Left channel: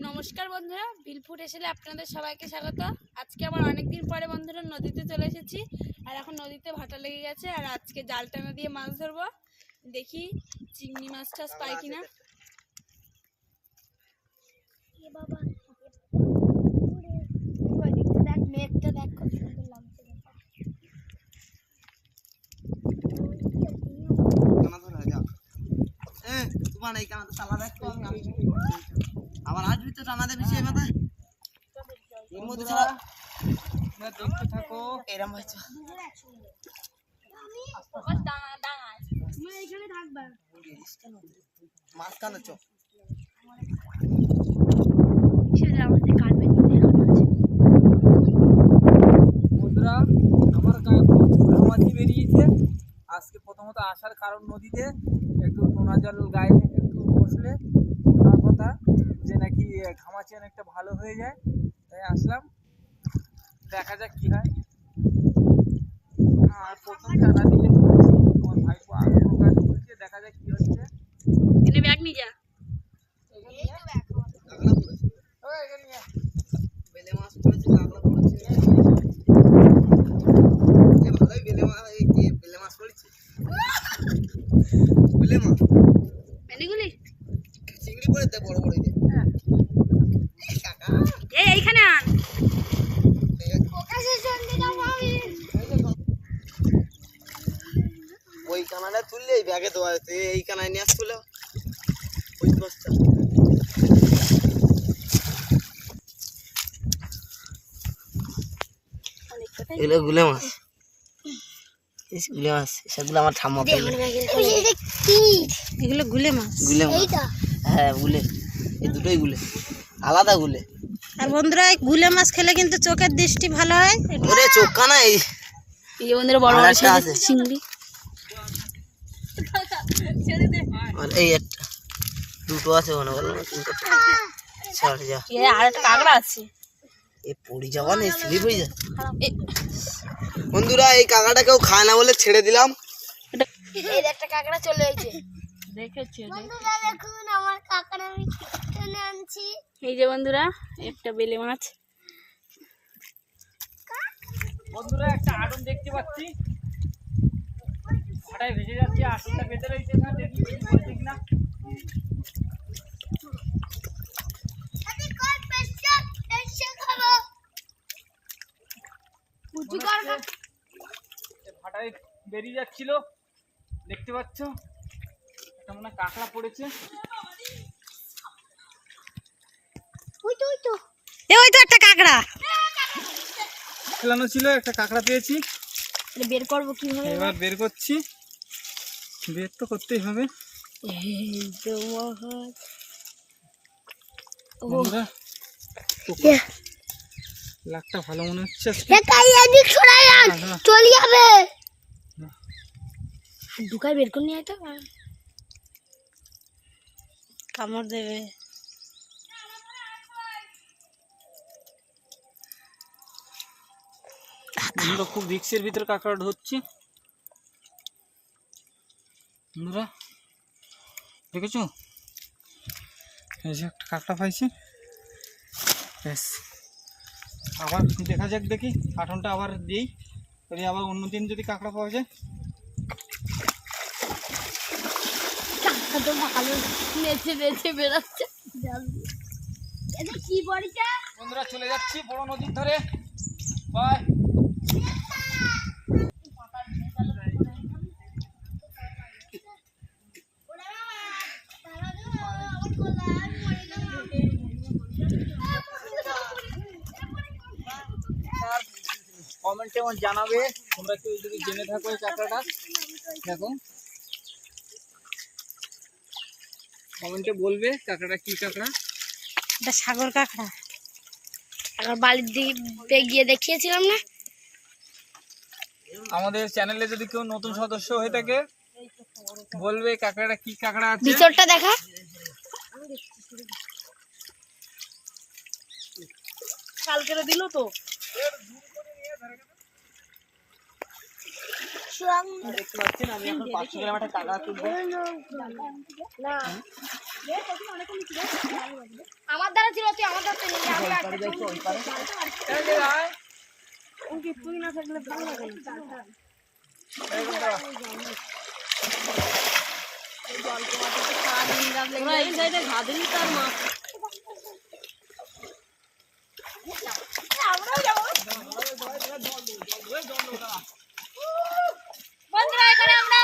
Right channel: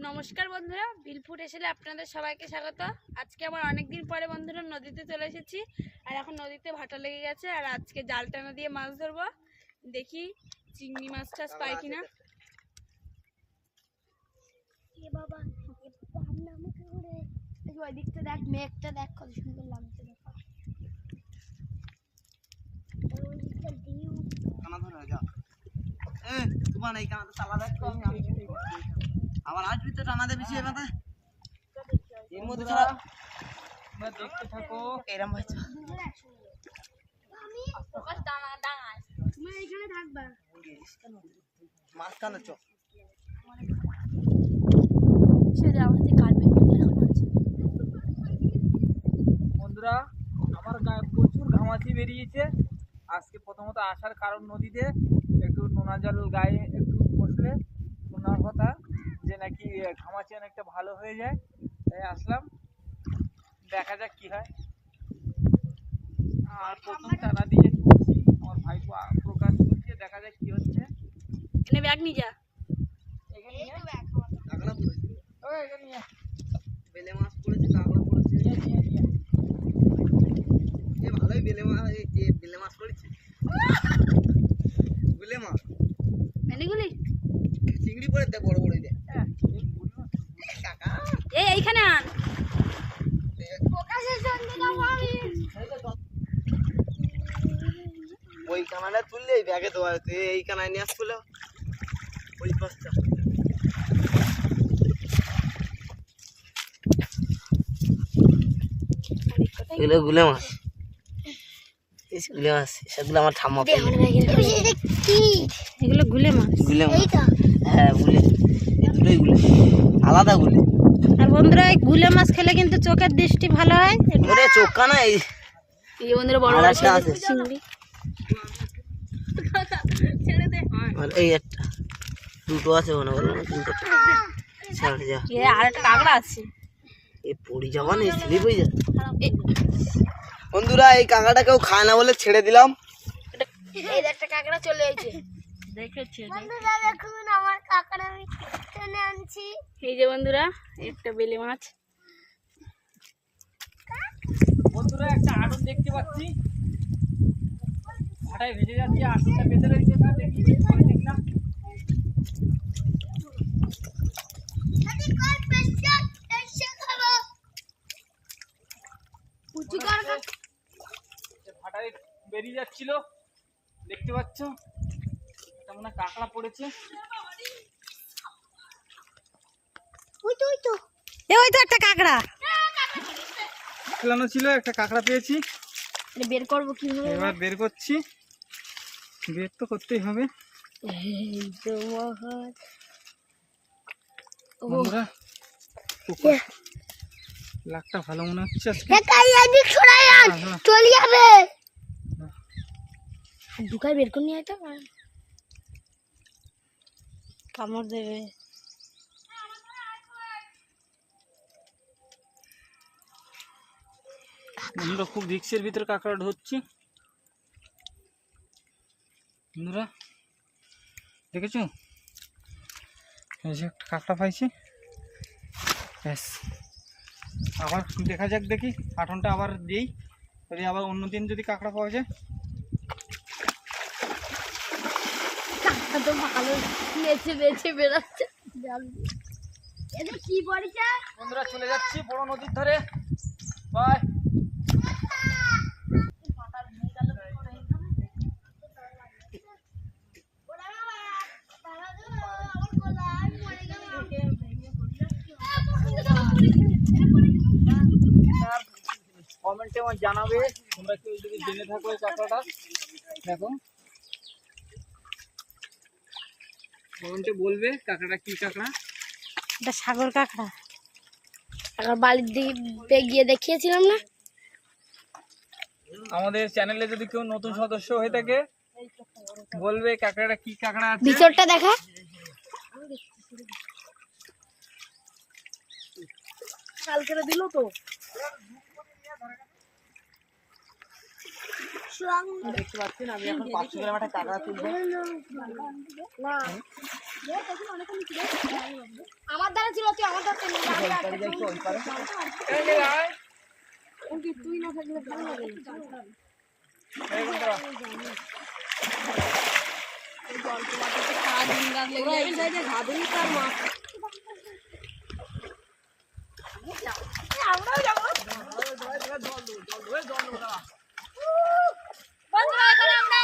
নমস্কার বন্ধুরা বিলফুট এসেলে আপনাদের সবাইকে স্বাগত। আজকে আবার অনেক দিন পরে বন্ধুরা নদীতে চলে এসেছি। আর এখন নদীতে ভাটা লেগে গেছে আর আজকে জাল টানা দিয়ে মাছ ধরবো। দেখি চিংড়ি মাছ টাছ পাই কিনা। দেখ মেঘটা দেখ কত সুন্দর লাগছে কানা ধরে যা। এ তোমার এই কানাতে তালা দেখ আমি আসছি। আবার আসবি তো দেবি সে মাথা এর মধ্যে তোমরা দেখতে থাকো। এরম হয়েছে। চো। আমাদের বন্ধুরা আমার গায়ে প্রচুর ঘামাচি বেরিয়েছে। আজকে প্রথমত আসার কারণ নদীতে একটু নোনা জল গায়ে একটু বসলে নোনার কথা যে নাকি ঘামাচি অনেকটা ভালো হয়ে যায়। তাই আসলাম। দেখা যাক কি হয়। আর প্রথম চারা দিয়ে আমার ভাইপো আগ্রহ কাজ করছে। দেখা যাক কি হচ্ছে। এখানে ব্যাগ নিয়ে যা। এখানে নিয়ে কাঁকড়া পড়েছে ও, এখানে নিয়ে বেলে মাছ পড়েছে কাঁকড়া পড়েছে নিয়ে আয়, নিয়ে আয়। এ ভালোই বেলে মাছ এই যে বেলে মাছ পড়েছে বেলে মাছ এনেগুলি চিংড়ি পড়ে দে বড় বড় দে হ্যাঁ। এ কাকা এই এইখানে আন প্রকাশের সঙ্গে যাব আমি ওই কানাটা তুললে এই ব্যাগে দেওয়া তুই এই কানায় নিয়ে আসছিল ওই বস্তা এগুলো গুলে মাছ। গুলে মাছ। সেগুলো আমার ঠাম্মা পেলে। এগুলো গুলে মাছ। গুলে মাছ হ্যাঁ গুলে। এই দুটোই গুলে। আলাদা গুলে। আর বন্ধুরা এই গুলে মাছ খেলে কিন্তু চোখের দৃষ্টি ভালো হয়। ওরে চোখা না এই। এই বন্ধুরা বড় আছে। চিংড়ি। আর এই একটা দুটো আছে মনে করল না ছাড় যা। এ আর একটা কাঁকড়া আছে। এ পড়ি যাবা না সিঁড়ি পড়ি যা বন্ধুরা এই কাঁকাটা কেউ খায় না বলে ছেড়ে দিলাম। এই একটা কাঁকড়া চলে এসেছে। দেখেছি বন্ধুরা দেখুন আমার কাঁকড়া আমি টেনে আনছি। এই যে বন্ধুরা একটা বেলে মাছ। বন্ধুরা একটা আটন দেখতে পাচ্ছি। ভাটায় ভেসে যাচ্ছে আটনটা বেঁধে রয়েছে না দেখি মনে ভাটায় বেরিয়ে যাচ্ছিল দেখতে পাচ্ছ? একটা মনে কাঁকড়া পড়েছে। ওই তো ওই তো। এ ওই তো একটা কাঁকড়া। ফেলানো ছিল একটা কাঁকড়া পেয়েছি। বের করব কীভাবে? এবার বের করছি। বের তো করতেই হবে। বন্ধুরা পুকুর। লাকটা ভালো মনে হচ্ছে। চলে যাবে। ঢুকাই বের করে নিয়ে তো। কামড় দেবে। বন্ধুরা খুব রিক্সের ভিতরে কাঁকড়া ধরছি। বন্ধুরা, দেখেছ? এই যে একটা কাঁকড়া পাইছি। ব্যাস। আবার দেখা যাক দেখি, আঠনটা আবার দিই। যদি আবার অন্য দিন যদি কাঁকড়া পাওয়া যায়। বন্ধুরা, চলে যাচ্ছি বড় নদীর ধারে। বাই কমেন্টে আমার জানাবে। তোমরা কেউ যদি জেনে থাকো এই কাঁকড়াটা দেখো। কমেন্টে বলবে কি কাঁকড়া এটা সাগর কাঁকড়া। একবার বাড়ির দিকে গিয়ে দেখিয়েছিলাম না? আমাদের চ্যানেলে যদি কেউ নতুন সদস্য হয়ে থাকে বলবে কাঁকড়াটা কি কাঁকড়া আছে। ভিতরটা দেখা। কালকে দিল তো। আমি এখন পাঁচশো গ্রাম একটা কাঁকড়া তুলবো না আমার দ্বারা ছিল তুই আমার দ্বারা ওই পারে। পারে। তুই না থাকলে ভালো লাগে এই ওরা এই সাইডে ঘাদুনি তার মা। বন্ধুরা এখানে আমরা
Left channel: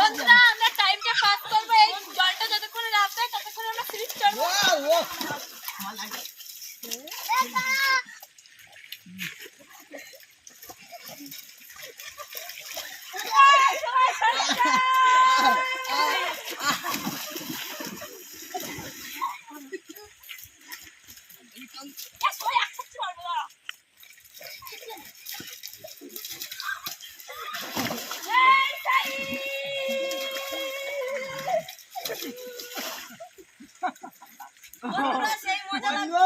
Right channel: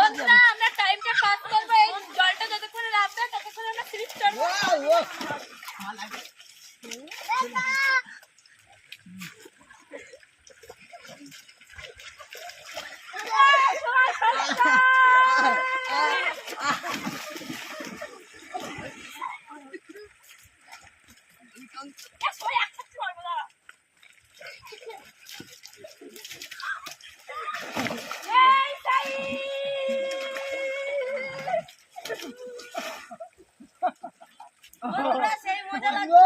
বন্ধুরা আমরা টাইমটা পাস করব। এই জলটা যতক্ষণ রাখবে ততক্ষণ আমরা সিরিজ করব ও ও বন্ধুরা সেই মজা লাগবে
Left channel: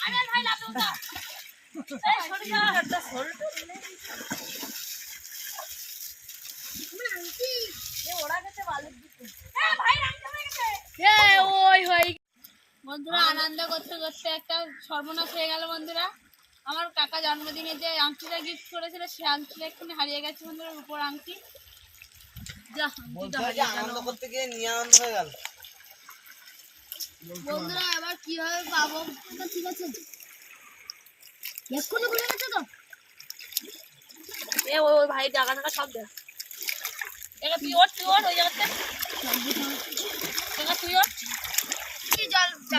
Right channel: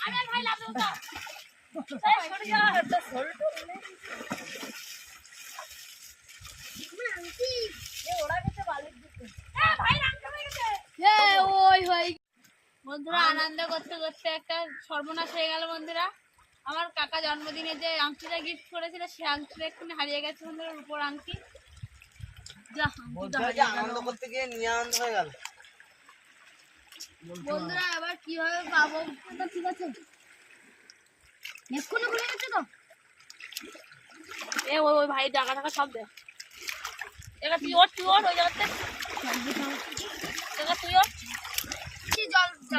আমি আর ভাই লাভ দেবো তো এই, সরে যা। এ, ওরা গেছে বালির দিকে। এ, ভাই রামটা হয়ে গেছে। ওই হই বন্ধুরা আনন্দ করতে করতে একটা সর্বনাশ হয়ে গেল বন্ধুরা। আমার কাকা জন্মদিনে যে আংটিটা গিফট করেছিল সেই আংটিটা এক্ষুনি হারিয়ে গেছে বন্ধুরা উপর আংটি। বন্ধুরা এবার কি হবে পাবো ঠিক আছে। এক্ষুনি খুলে গেছে তো? এ ওই ভাই টাকা টাকা সব দে। তুই ওর তুই ওর ওই জায়গাতে। তুই ওর।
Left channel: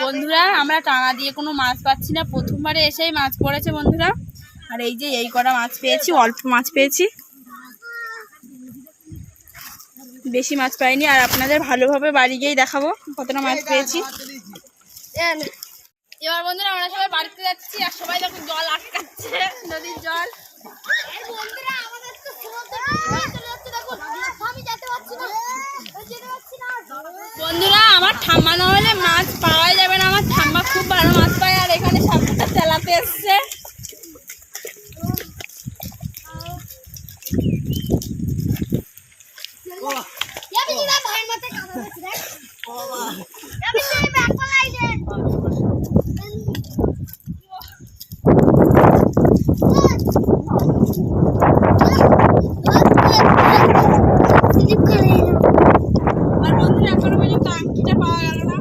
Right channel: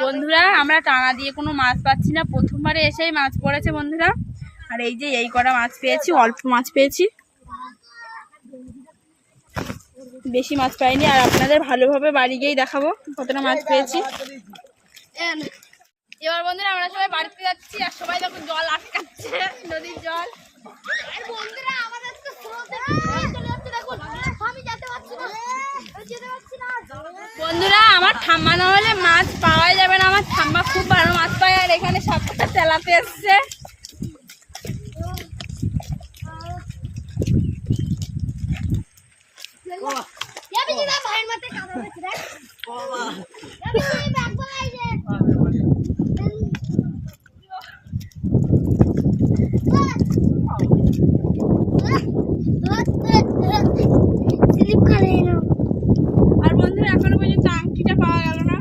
বন্ধুরা, আমরা টানা দিয়ে কোনো মাছ পাচ্ছি না। প্রথমবারে এসেই মাছ পড়েছে বন্ধুরা। আর এই যে এই কটা মাছ পেয়েছি, অল্প মাছ পেয়েছি। বেশি মাছ পাইনি, আর আপনাদের ভালোভাবে বাড়ি গিয়েই দেখাবো কতটা মাছ পেয়েছি। এবার বন্ধুরা, আমরা সবাই বাড়িতে যাচ্ছি, আর সবাই যখন জল আটকাচ্ছে, নদীর জল আমাদের তো সমুদ্রে চলে যাচ্ছে দেখুন আমি যেতে পারছি না আমি যেতে পারছি না বন্ধুরা আমার ঠাম্মা না হলে মাছ পাওয়াই যাবে না। আমার ঠাম্মা খুব ভালো মাছ পায় আর এখানে সবটা তেলাতে এসছে। মাথায় কামড় দিয়েছি দেখ আমি সেই ব্যাগ পালাই যে স্লিপ করে এলো আর বন্ধুরা এখনও পর্যন্ত আংটিটা পাওয়া গেল না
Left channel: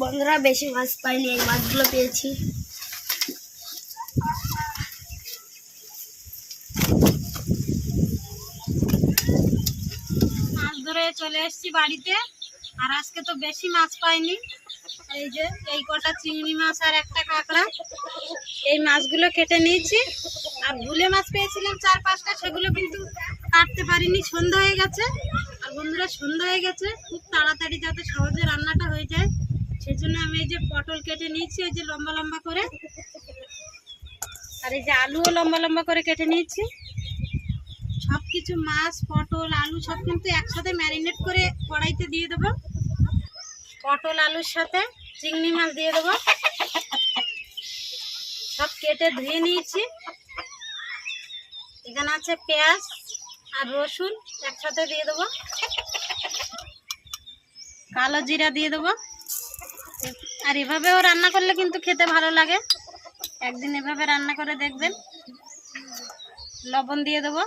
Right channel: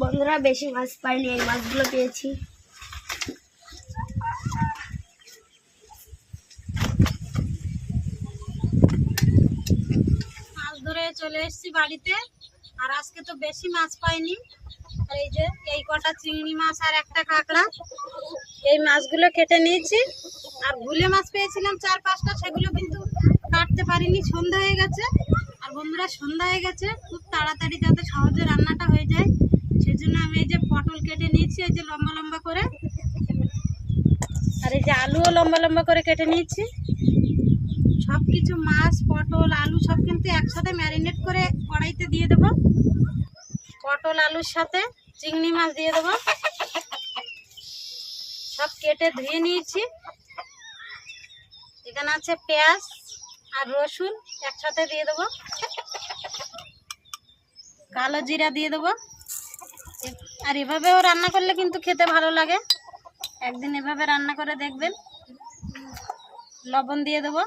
বন্ধুরা বেশি মাছ পাইনি এই মাছগুলো পেয়েছি। মাছ ধরে চলে এসেছি বাড়িতে। আর আজকে তো বেশি মাছ পাইনি। এই যে, এই কটা চিংড়ি মাছ আর একটা কাঁকড়া। এই মাছগুলো কেটে নিয়েছি। আর ভুলে মাছ পেয়েছিলাম চার পাঁচটা, সেগুলো কিন্তু কাটতে পারিনি। সন্ধ্যা হয়ে গেছে। আর বন্ধুরা, সন্ধ্যা হয়ে গেছে। খুব তাড়াতাড়ি যাতে সহজে রান্নাটা হয়ে যায়। সেজন্য আমি এই যে পটল কেটে নিয়েছি, এই যে লম্বা লম্বা করে। আর এই যে আলুও লম্বা লম্বা করে কেটে নিয়েছি। সব কিছু মাছ, পটল, আলু সব কিন্তু একসাথে ম্যারিনেট করে কড়াইতে দিয়ে দেবো। পটল, আলুর সাথে চিংড়ি মাছ দিয়ে দেবো। সব কেটে ধুয়ে নিয়েছি। এখানে আছে পেঁয়াজ আর রসুন একসাথে দিয়ে দেবো। কালো জিরা দিয়ে দেবো। আর এভাবেও রান্না করলে কিন্তু খেতে ভালো লাগে। একদিন এভাবে রান্না করে দেখবেন। লবণ দিয়ে দেবো।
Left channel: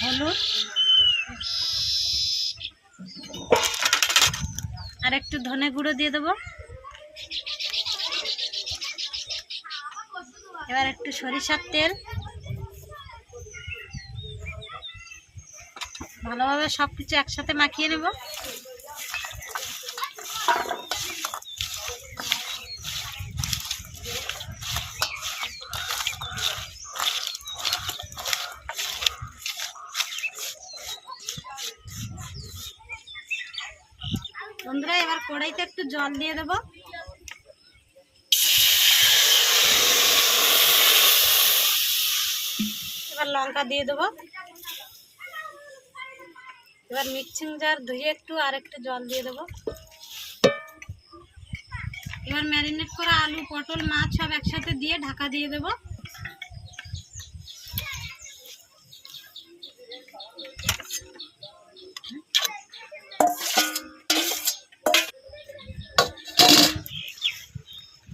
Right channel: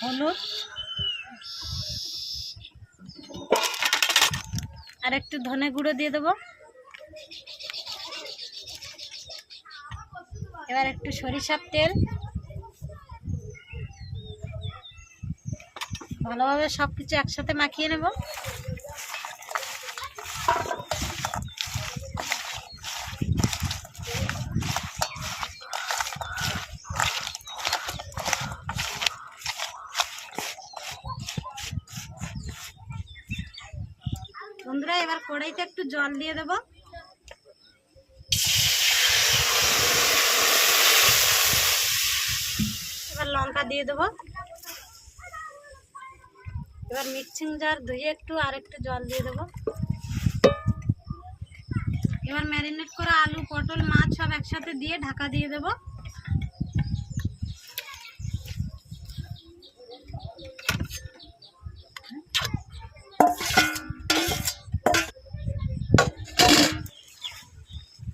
হলুদ। আর একটু ধনে গুঁড়ো দিয়ে দেবো। এবার একটু সরিষার তেল। ভালোভাবে সব কিছু একসাথে মাখিয়ে নেব বন্ধুরা এবার কড়াইতে একটু জল দিয়ে দেবো। এবার লঙ্কা দিয়ে দেবো। এবার মিক্সিং জার ধুয়ে একটু আর একটু জল দিয়ে দেবো। এবার ম্যারিনেট করা আলু, পটল, মাছ সব একসাথে দিয়ে ঢাকা দিয়ে দেবো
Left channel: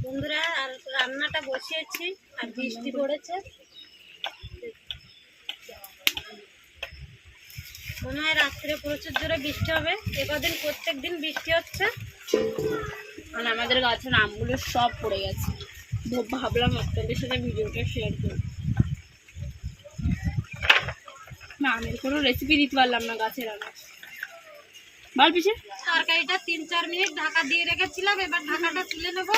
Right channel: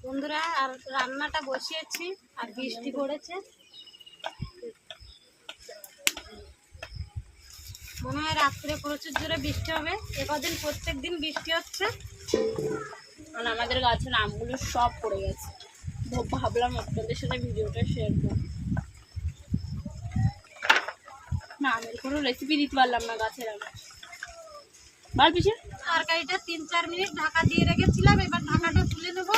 বন্ধুরা আর রান্নাটা বসিয়েছি আর বৃষ্টি পড়েছে। মনে হয় রাত্রে প্রচুর জোরে বৃষ্টি হবে। একদিন প্রত্যেক দিন বৃষ্টি হচ্ছে। মানে আমাদের গাছের আমগুলো সব পড়ে গেছে। ভাবলাম আপনাদের সাথে ভিডিওটা শেয়ার করব। না আমের কোনো রেসিপি দিতে পারলাম না গাছের আমের পিছিয়ে তরকারিটা তিন চার মিনিট ঢাকা দিয়ে রেখেছিলাম, এবার ঢাকাটা তুলে নেব।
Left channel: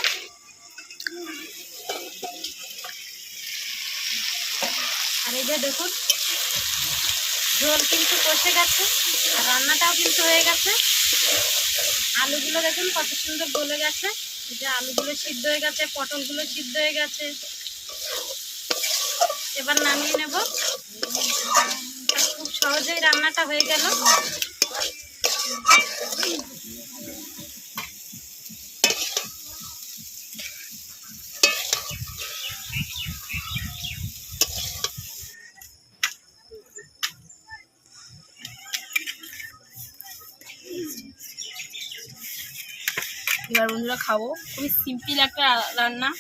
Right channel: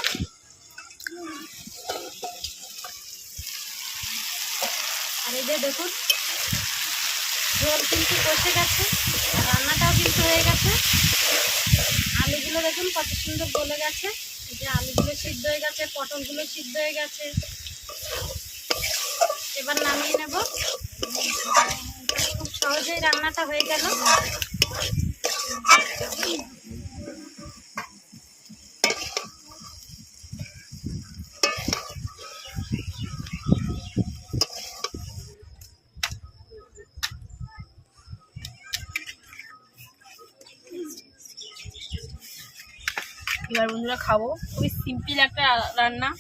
আর এই যে দেখুন। জল কিন্তু কষে গেছে, রান্নাটাও কিন্তু হয়ে গেছে। আলুগুলো দেখুন কত সুন্দর গলে গেছে। যে আলুগুলো সিদ্ধ হয়ে গেছে, পটলগুলো সিদ্ধ হয়ে গেছে। এবার নামিয়ে নেব। খুব সহজেই রান্নাটা হয়ে গেল। এবার বন্ধুরা খাব। খুবই সিম্পল একটা রান্না।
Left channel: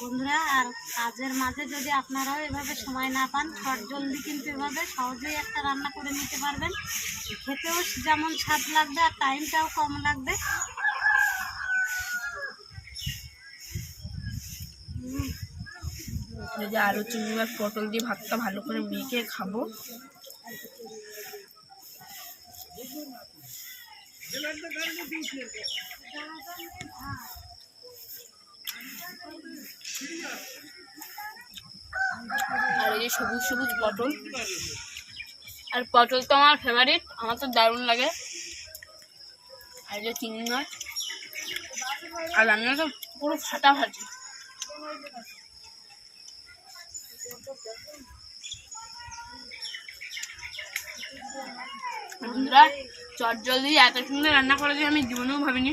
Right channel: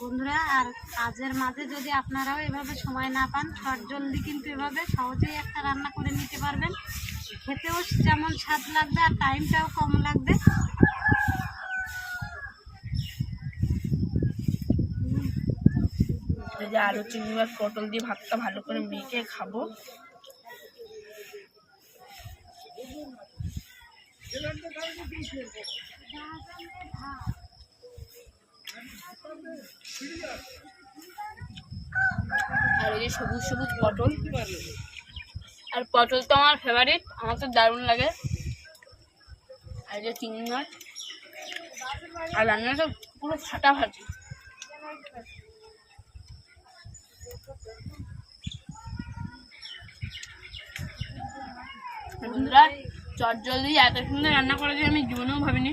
বন্ধুরা আর কাজের মাঝে যদি আপনারাও এভাবে সময় না পান শর্ট জলদি কিন্তু এভাবে সহজেই একটা রান্না করে নিতে পারবেন। খেতেও যেমন স্বাদ লাগবে আর টাইমটাও কম লাগবে। এই যে আলু চিংড়ি মাছ পটল দিয়ে ভাতটা ভালো করে মেখে খাব। আর এই যে সবুজ সবুজ পটল। আর পটল তো আমার ফেভারিট আমার তো দারুণ লাগে। আর যে চিংড়ি মাছ। আর রান্না তো পুরো ফাটাফাটি। বন্ধুরা চট জলদি এত সুন্দর রান্না করা যায় আমি জীবনেও ভাবিনি।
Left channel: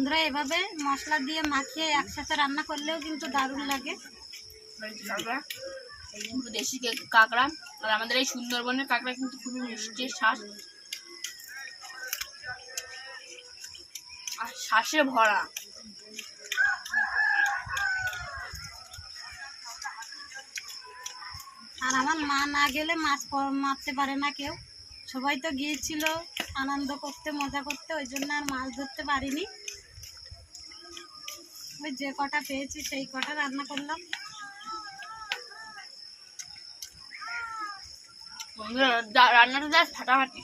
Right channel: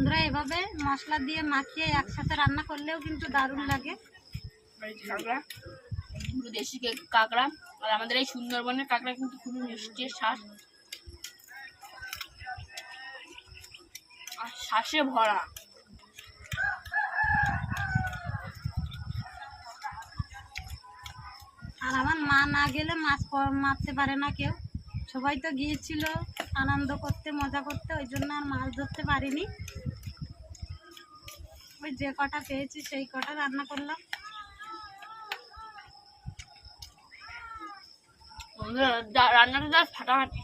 বন্ধুরা এভাবে মশলা দিয়ে মাখিয়ে একসাথে রান্না করলেও কিন্তু দারুণ লাগে। দেশি কাঁকড়া আর আমাদের এই সুন্দরবনের কাঁকড়া কিন্তু খুবই মিষ্টি শ্বাস আর শ্বাসে ভরা। আর আমার মা না গেলে মাছ মারতে পারে না কেউ। সবাই তো গিয়েছিল আনন্দ করতে মজা করতে ওই জন্য আর মাছ ধরতে পারিনি। ওই যে কটা পেয়েছি সেই কটা রান্না করলাম। রান্নাটা ফাটাফাটি।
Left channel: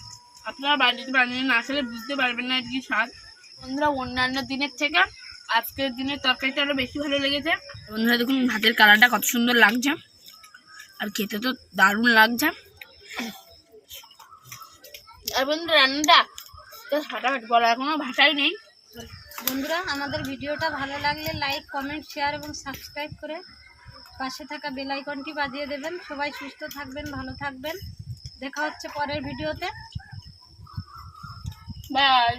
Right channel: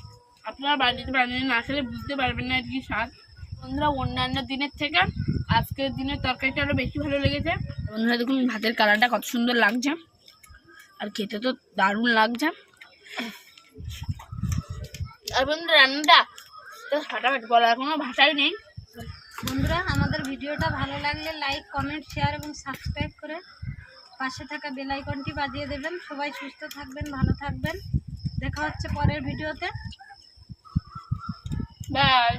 আপনারা বাড়িতে না বুঝতে পারবেন না স্বাদ। বন্ধুরা, অন্যান্য দিনের থেকে আজকের দিনের তরকারিটা আরও বেশি ভালো লেগেছে। বন্ধুরা, দেখুন ভাতের কালারটা কত সুন্দর লাগছে। আর খেতে তো দারুণ লাগছে। আর বন্ধুরা, রান্নাটা ফাটাফাটি, বলার কোনো ভাষাই নেই। বন্ধুরা, আমাদের ভিডিওটা ভালো লাগলে লাইক, কমেন্ট, শেয়ার এবং সাবস্ক্রাইব করে পাশে থাকা বেলাইকনটি বাজিয়ে দেবেন। সবাই সুস্থ থাকবেন, ভালো থাকবেন। দেখা হচ্ছে পরের ভিডিওতে। বাই